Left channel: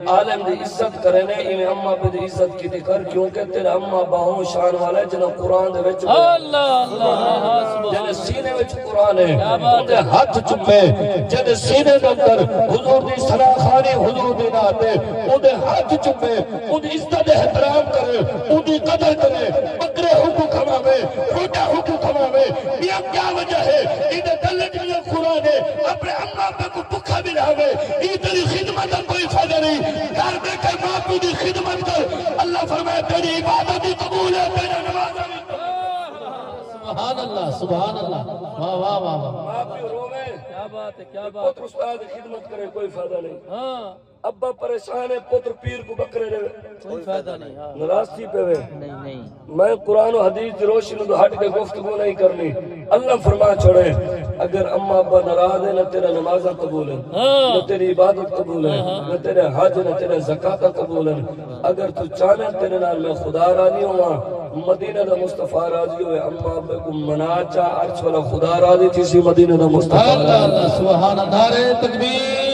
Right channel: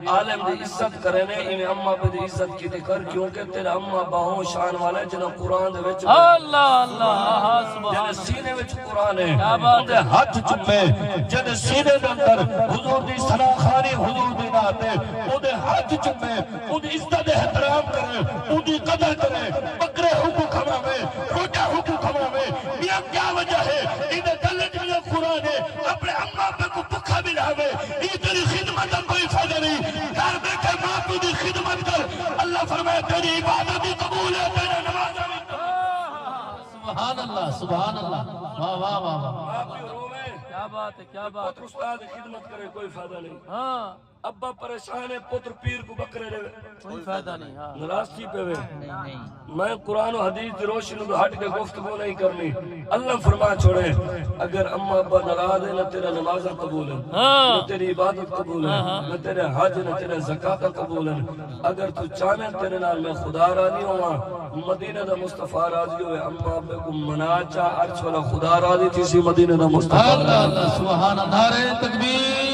عالم دی عزت کرے نے انہیں اما پہ دی عزت کی کر کیونکہ تیرا اما باہوں شان والا ہے جنہاں قرآن دے وچ اللہ اللہ جنہیں سینے وچ قرآن ہے اندے ہاتھ چمے جنہیں سینے دے اندر حضور دی سراخانی حضور دی ناتے اندے ہاتھ چمے اندے عزت احترام کرے اندی قدر کرے بکرے حقوق کھماوے روٹا حقوق کھماوے یہ کیا وجہ ہے؟ انہیں دلے جنہیں قرآن ہے اپنے اما پہ کو بکھا بھی رہے یہ تیری خدمت کا کوئی فائدہ نہیں گھر دی خدمت کر۔ اللہ فرمائے تیری عبادت بھی قبول ہے تیرا نماز بھی سبحان اللہ سبحان اللہ۔ واہ واہ واہ واہ۔ آپ بھی روے کیا بات ہے کیا بات پتر استاد خدمت کرے کوئی فائدہ نہیں۔ ہاں۔ ابا پریشان ہے پتر پیر کو بکرے رہے۔ کوئی فائدہ نہیں ہاں۔ ناراض کی پہ نہیں میں قرآن و حدیث تو ہٹ کے گفتگو نہیں کرنی۔ اللہ فرما چھوڑے۔ اگر اما ابا ناراض ہے نہ تیرا نماز قبول ہے نہ تیری عبادت قبول ہے نہ تیرے حج نہ تیرے زکات قبول ہے۔ اگر تو چاہے تیرے نال میں خدا راضی ہوا مدینہ دا مصطفیٰ راضی ہوئے اما ابا کو منا چاہ عرش والا خدا راضی تھی سی مدینہ دا مصطفیٰ سبحان اللہ نعرہ تکبیر۔